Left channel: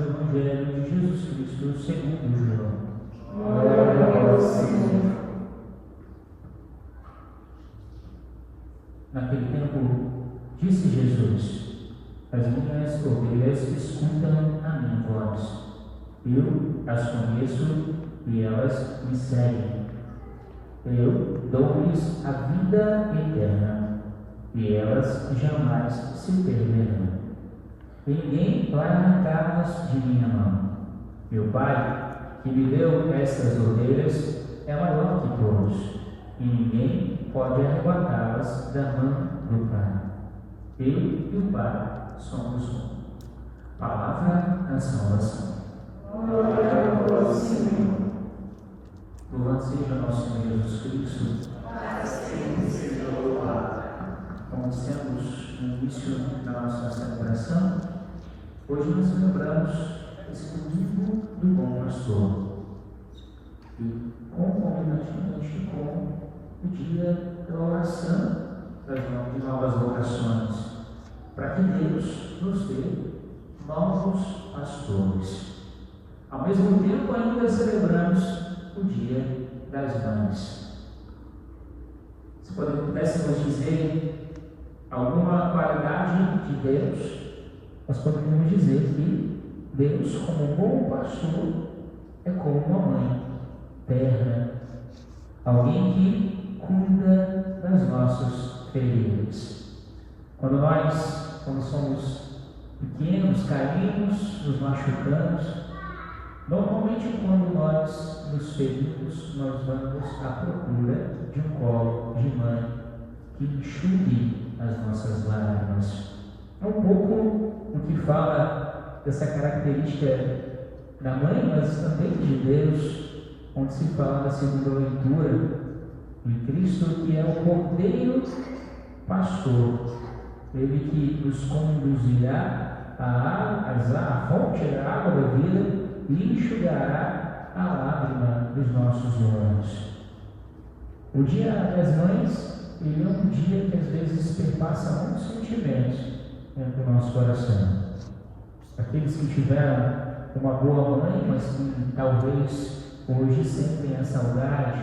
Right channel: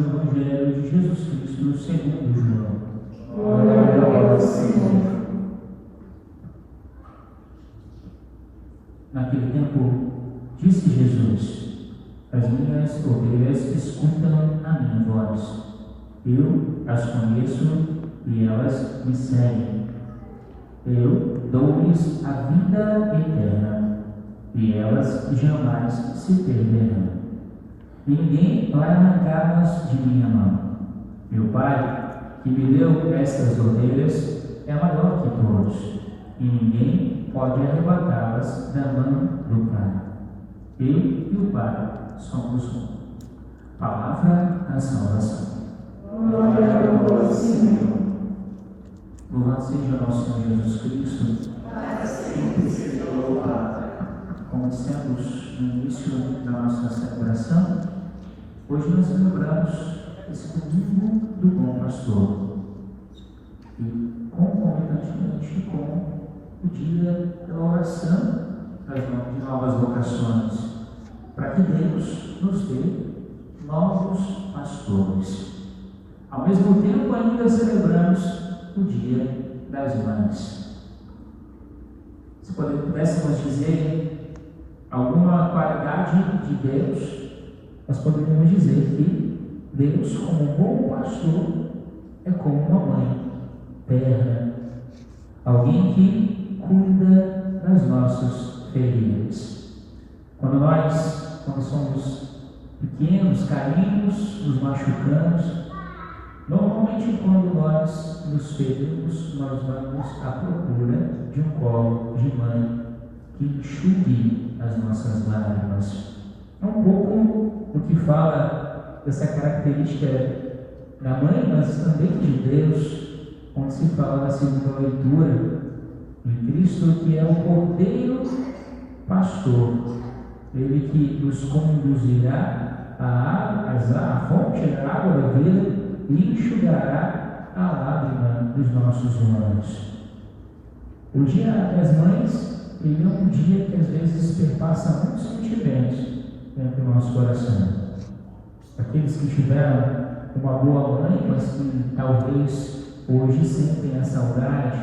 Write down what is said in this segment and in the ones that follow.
do Evangelho de Jesus Cristo segundo João. Glória ao Senhor. Naquele tempo, disse Jesus: as minhas ovelhas escutam a minha voz. Eu as conheço e elas me seguem. Eu dou-lhes a vida eterna e elas jamais se perderão. Ninguém vai arrancá-las de minha mão. Meu Pai, que me deu estas ovelhas, é maior que todos, e ninguém pode arrebatá-las da mão do Pai. Eu e o Pai somos um. Palavra da salvação. Glória ao Senhor. Louvado seja nosso Senhor Jesus Cristo. Assim seja louvado. Como dissemos no início da nossa celebração, hoje nós celebramos esse domingo do Bom Pastor. E concomitantemente com o dia da oração de novas vocações, para que Deus nos dê novos pastores. Ao mesmo tempo, ainda celebramos o dia das mães. Se pudéssemos dizer alguma qualidade de Deus, nós poderíamos dizer que Deus, como bom pastor, é como uma mãe terna, alguém que cuida das nossas feridas. Quando somos pequenos, caímos, nos machucamos, normalmente quando nós nos ferimos, nós vamos à procura de um colo de mãe que enxugue as nossas lágrimas. É um pouco o que fala dessa característica da mãe, mas também de Deus, onde se fala na segunda leitura de Cristo, que é o Cordeiro Pastor, ele que nos conduzirá à fonte da água da vida e enxugará a lágrima dos nossos olhos. O Dia das Mães, ele é um dia que às vezes perpassa muitos sentimentos dentro do nosso coração. Aqueles que tiveram uma boa mãe, mas que talvez hoje sentem a saudade,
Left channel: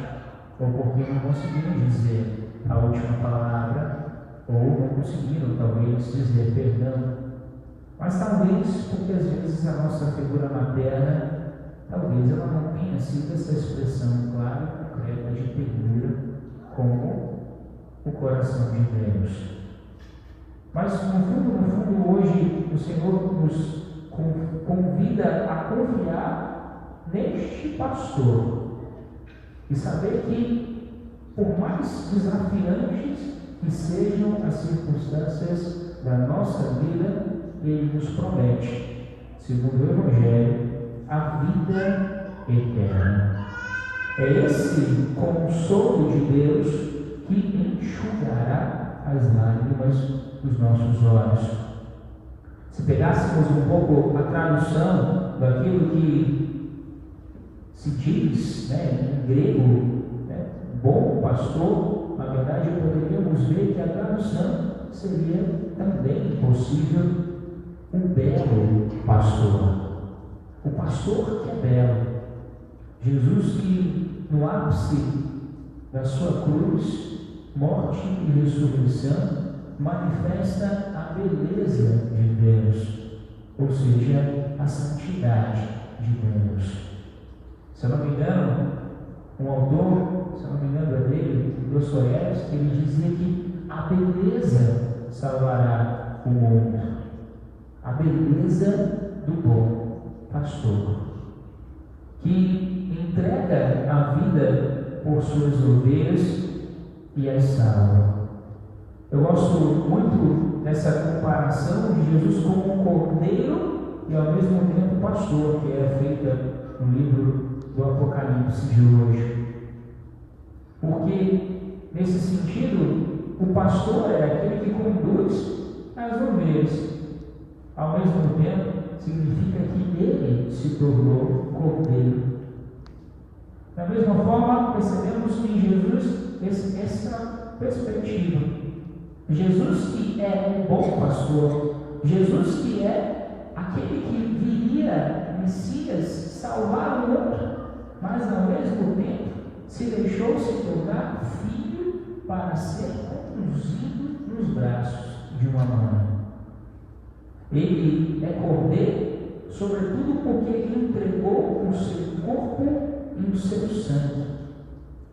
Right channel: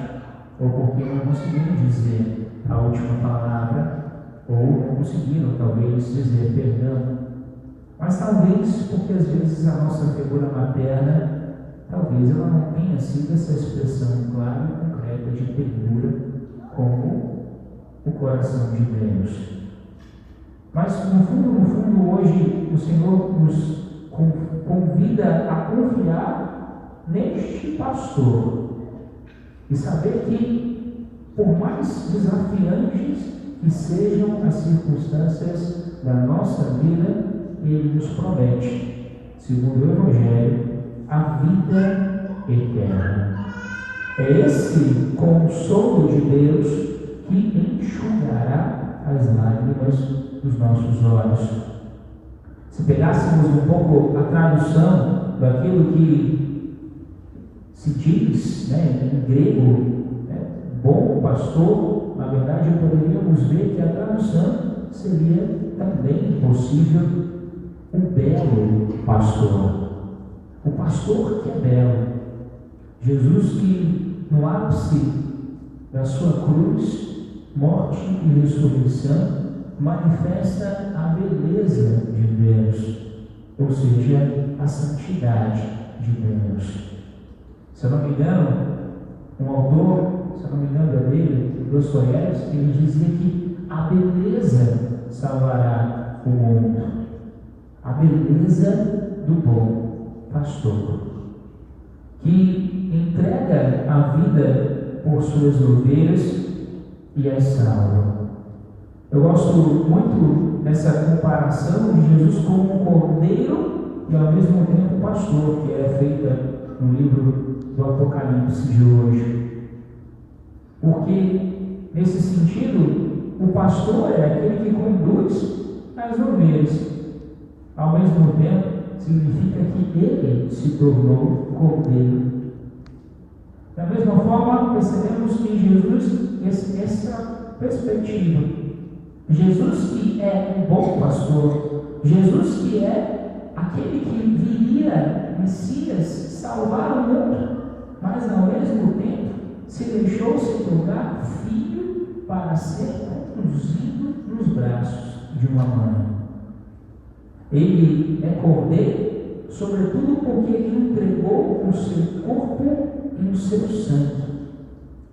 ou porque não conseguiram dizer a última palavra, ou não conseguiram talvez dizer perdão. Mas talvez porque às vezes a nossa figura materna, talvez ela não tenha sido essa expressão clara e concreta de ternura como o coração de Deus. Mas no fundo hoje o Senhor nos convida a confiar neste pastor e saber que, por mais desafiantes que sejam as circunstâncias da nossa vida, ele nos promete, segundo o Evangelho, a vida eterna. É esse consolo de Deus que enxugará as lágrimas dos nossos olhos. Se pegássemos um pouco a tradução daquilo que se diz em grego, bom pastor, na verdade poderíamos ver que a tradução seria também possível o belo pastor. O pastor que é belo. Jesus que no ápice da sua cruz, morte e ressurreição, manifesta a beleza de Deus, ou seja, a santidade de Deus. Se eu não me engano, um autor, se eu não me engano é dele, Dostoiévski, ele dizia que a beleza salvará o mundo. A beleza do bom pastor, que entrega a vida por suas ovelhas e as salva. Eu gosto muito dessa comparação de Jesus como cordeiro e ao mesmo tempo pastor, que é feita no livro do Apocalipse de hoje. Porque, nesse sentido, o pastor é aquele que conduz as ovelhas. Ao mesmo tempo, significa que ele se tornou cordeiro. Da mesma forma, percebemos em Jesus essa perspectiva. Jesus que é o bom pastor, Jesus que é aquele que viria Messias salvar o mundo, mas ao mesmo tempo se deixou se tornar filho para ser conduzido nos braços de uma mãe. Ele é cordeiro, sobretudo porque ele entregou o seu corpo e o seu sangue.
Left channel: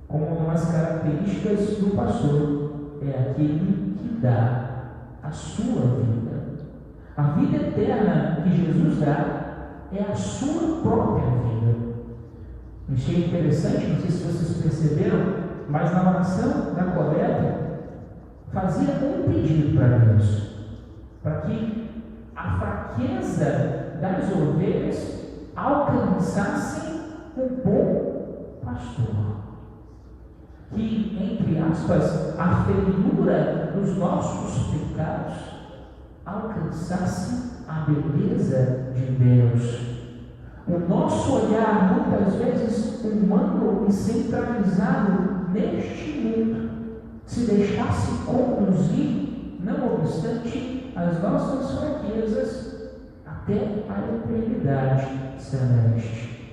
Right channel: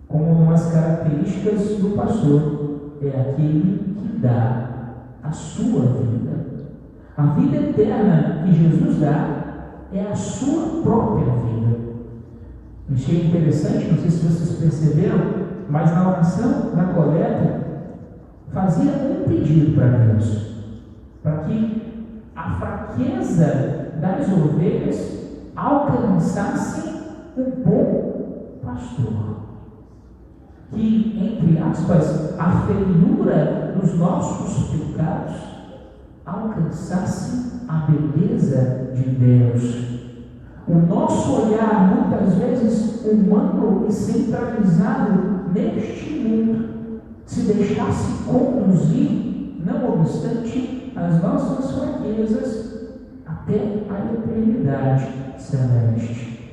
Como uma das características do pastor, é aquele que dá a sua vida. A vida eterna que Jesus dá é a sua própria vida. Achei interessante, não sei se vocês perceberam, mas na oração, na coleta, fazia um pedido para Deus, para que a fraqueza das ovelhas alcançassem o bom pastor. Que, entre aspas, a feiura dos nossos pecados alcançasse a beleza de Deus. O nosso olhar, muitas vezes humano e centralizado neste mundo, se deixasse conduzir, não obstante as nossas fraquezas, até a eternidade celeste.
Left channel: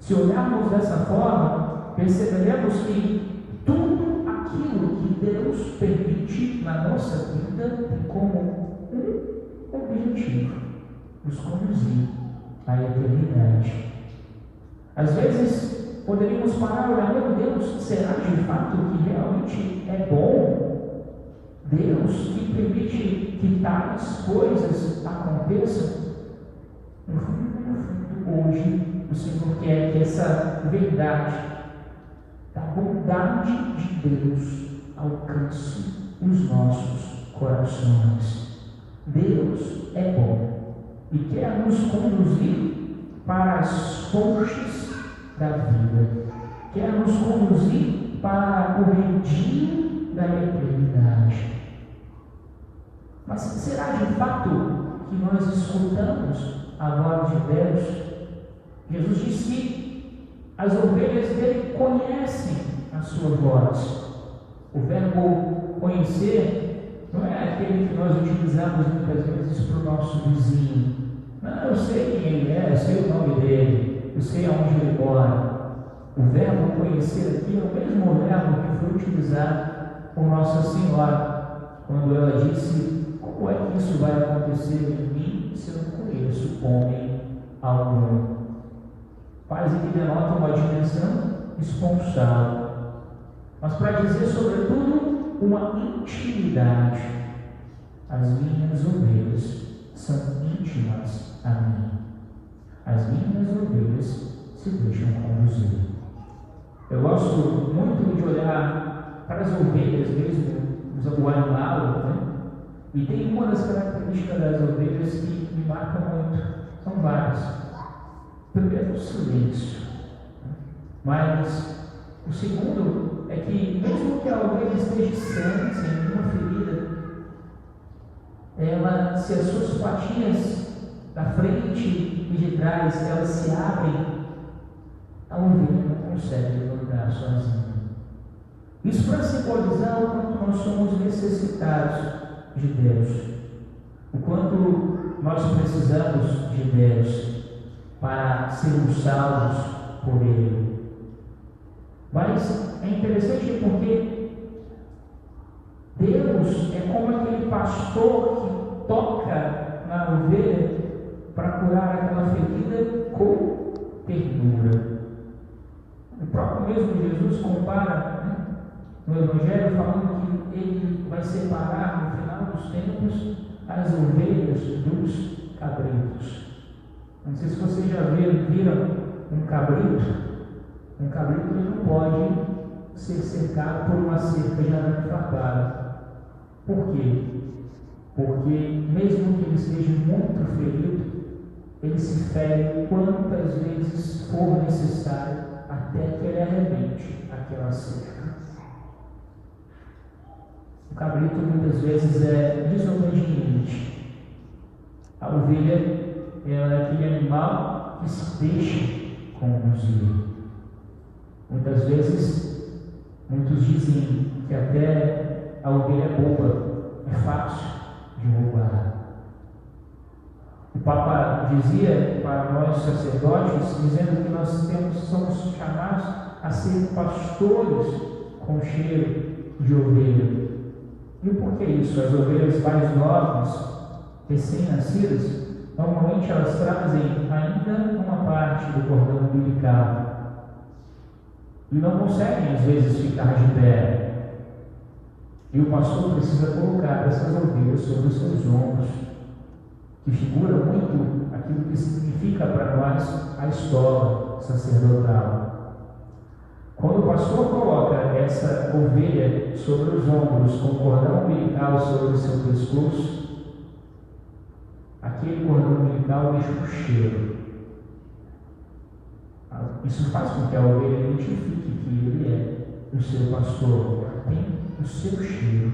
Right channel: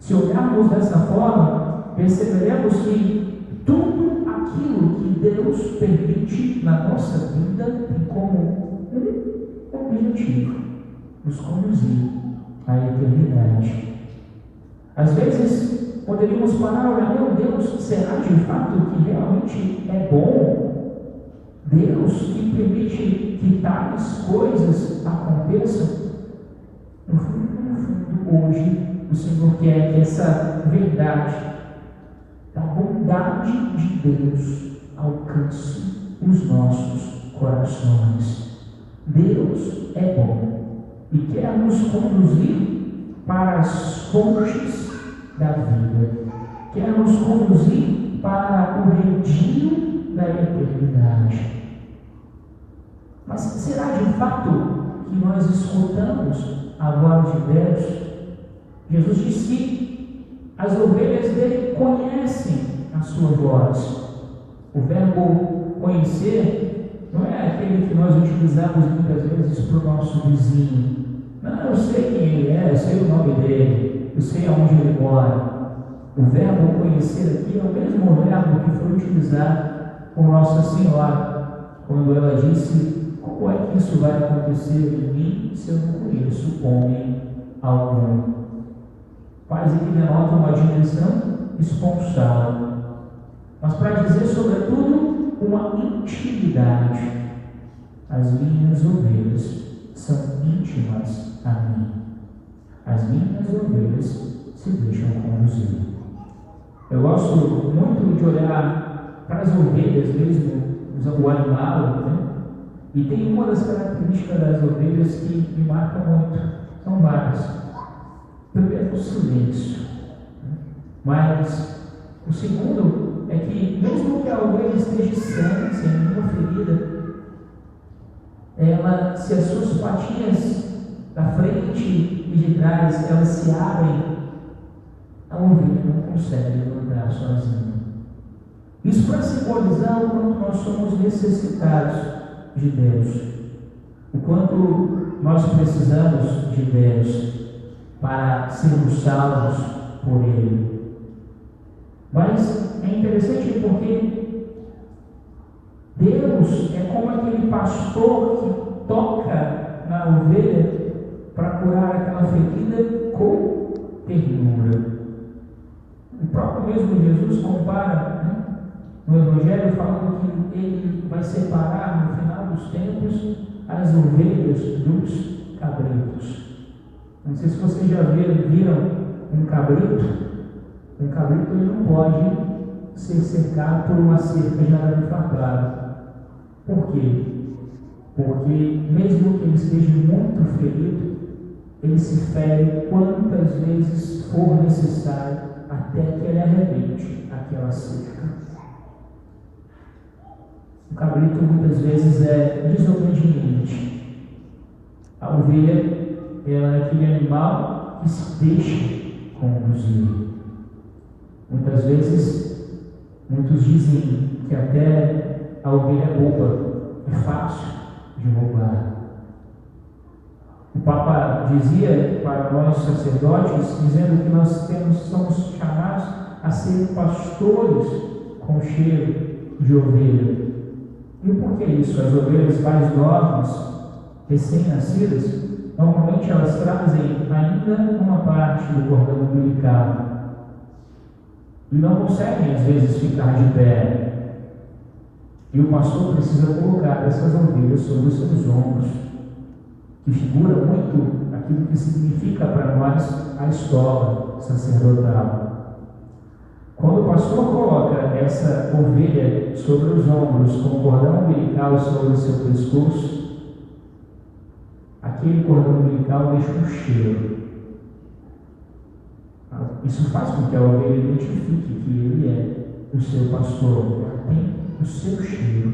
Se olharmos dessa forma, perceberemos que tudo aquilo que Deus permite na nossa vida tem como um objetivo: nos conduzir à eternidade. Às vezes, poderíamos parar e olhar: meu Deus, será de fato que realmente é bom Deus que permite que tais coisas aconteçam? No fundo, hoje, o Senhor quer que essa verdade da bondade de Deus alcance os nossos corações. Deus é bom e quer nos conduzir para as fontes da vida, quer nos conduzir para o redil da eternidade. Mas será de fato que nós escutamos a voz de Deus? Jesus disse que as ovelhas dele conhecem a sua voz. O verbo conhecer não é aquele que nós utilizamos muitas vezes para o nosso vizinho. Não, eu sei quem ele é, eu sei o nome dele, eu sei aonde ele mora. O verbo conhecer aqui é o mesmo verbo que foi utilizado por Nossa Senhora, quando ela disse: como é que isso vai acontecer em mim se eu não conheço homem algum? Quase que denota uma dimensão esponsal, mas para dizer sobretudo uma intimidade. As minhas ovelhas são íntimas a mim. As minhas ovelhas se deixam conduzir. Eu gosto muito de olhar para as ovelhas mesmo, o animal, né? E tem uma das características das ovelhas que me marca muito. São várias. Primeiro, o silêncio. Mas o segundo é que, mesmo que a ovelha esteja sem nenhuma ferida, ela, se as suas patinhas da frente e de trás elas se abrem, a ovelha não consegue andar sozinha. Isso para simbolizar o quanto nós somos necessitados de Deus, o quanto nós precisamos de Deus para sermos salvos por Ele. Mas é interessante porque Deus é como aquele pastor que toca na ovelha para curar aquela ferida com ternura. O próprio mesmo Jesus compara, né, no Evangelho, falando que Ele vai separar no final dos tempos as ovelhas dos cabritos. Não sei se vocês já viram um cabrito. Um cabrito não pode ser cercado por uma cerca de arame farpado. Por quê? Porque mesmo que ele esteja muito ferido, ele se fere quantas vezes for necessário até que ele arrebente aquela cerca. O cabrito muitas vezes é desobediente. A ovelha é aquele animal que se deixa conduzir. Muitas vezes, muitos dizem que até a ovelha boba é fácil de roubar. O Papa dizia para para nós sacerdotes, dizendo que nós somos chamados a ser pastores com cheiro de ovelha. E por que isso? As ovelhas mais novas, recém-nascidas, normalmente elas trazem ainda uma parte do cordão umbilical e não conseguem às vezes ficar de pé. E o pastor precisa colocar essas ovelhas sobre os seus ombros, que figura muito aquilo que significa para nós a escola sacerdotal. Quando o pastor coloca essa ovelha sobre os ombros, com o cordão umbilical sobre o seu pescoço, aquele cordão umbilical deixa um cheiro. Isso faz com que a ovelha identifique que ele é o seu pastor. Ela tem o seu cheiro.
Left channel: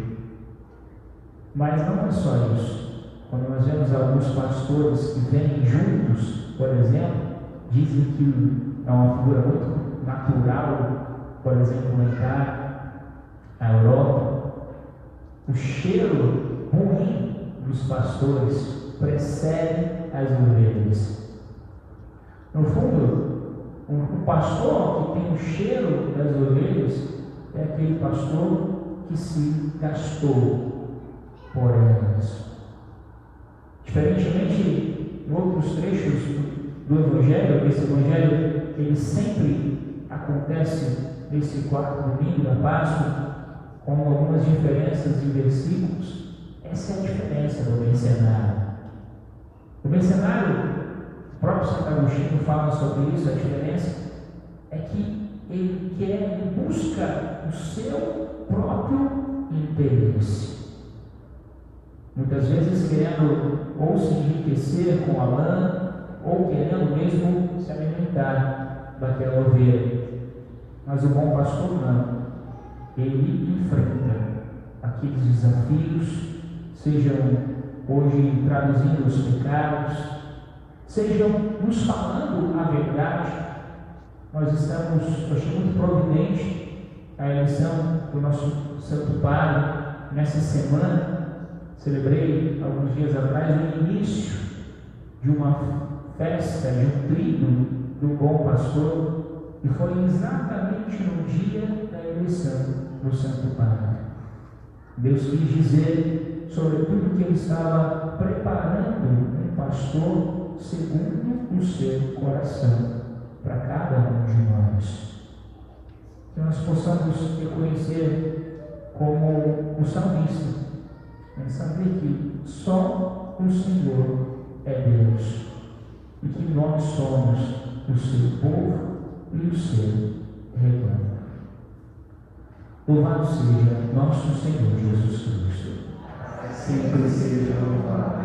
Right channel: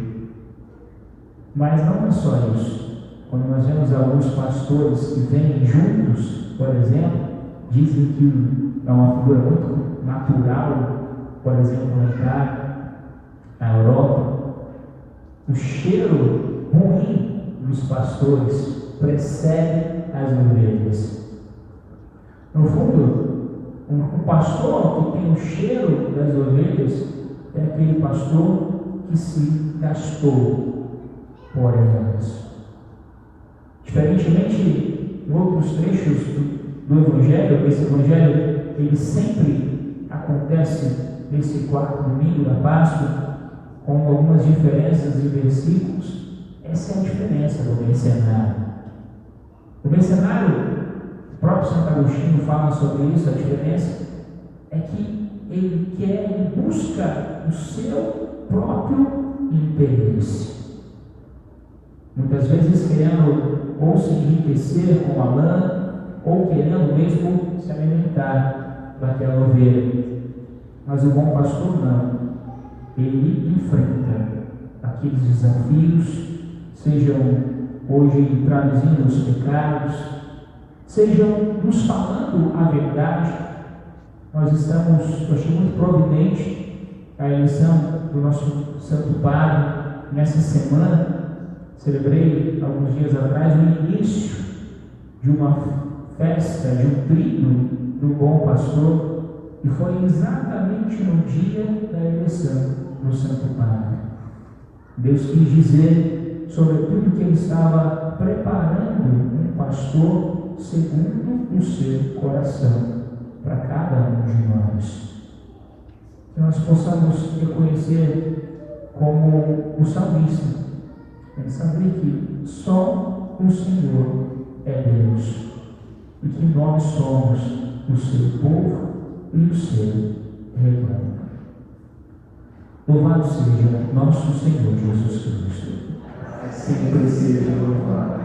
Mas não é só isso. Quando nós vemos alguns pastores que vêm juntos, por exemplo, dizem que é uma figura muito natural, por exemplo, entrar na Europa. O cheiro ruim dos pastores precede as ovelhas. No fundo, um pastor que tem o cheiro das ovelhas é aquele pastor que se gastou por elas. Diferentemente em outros trechos do Evangelho, esse Evangelho ele sempre acontece nesse quarto domingo da Páscoa, com algumas diferenças de versículos. Essa é a diferença do mercenário. O mercenário, o próprio Santo Agostinho fala sobre isso, a diferença é que ele quer e busca o seu próprio interesse. Muitas vezes querendo ou se enriquecer com a lã, ou querendo mesmo se alimentar daquela ovelha. Mas o bom pastor não. Ele enfrenta aqueles desafios, sejam hoje traduzindo os pecados, sejam nos falando a verdade. Eu achei muito providente a eleição do nosso Santo Padre nessa semana. Celebrei alguns dias atrás o início de uma festa, de um trido do bom pastor, e foi exatamente no dia da eleição do Santo Padre. Deus quis dizer sobre tudo que ele estava preparando um pastor segundo o seu coração para cada um de nós. Que nós possamos reconhecer como o salmista, saber que só o Senhor é Deus e que nós somos o seu povo e o seu rebanho. Louvado seja nosso Senhor Jesus Cristo. Sempre seja louvado.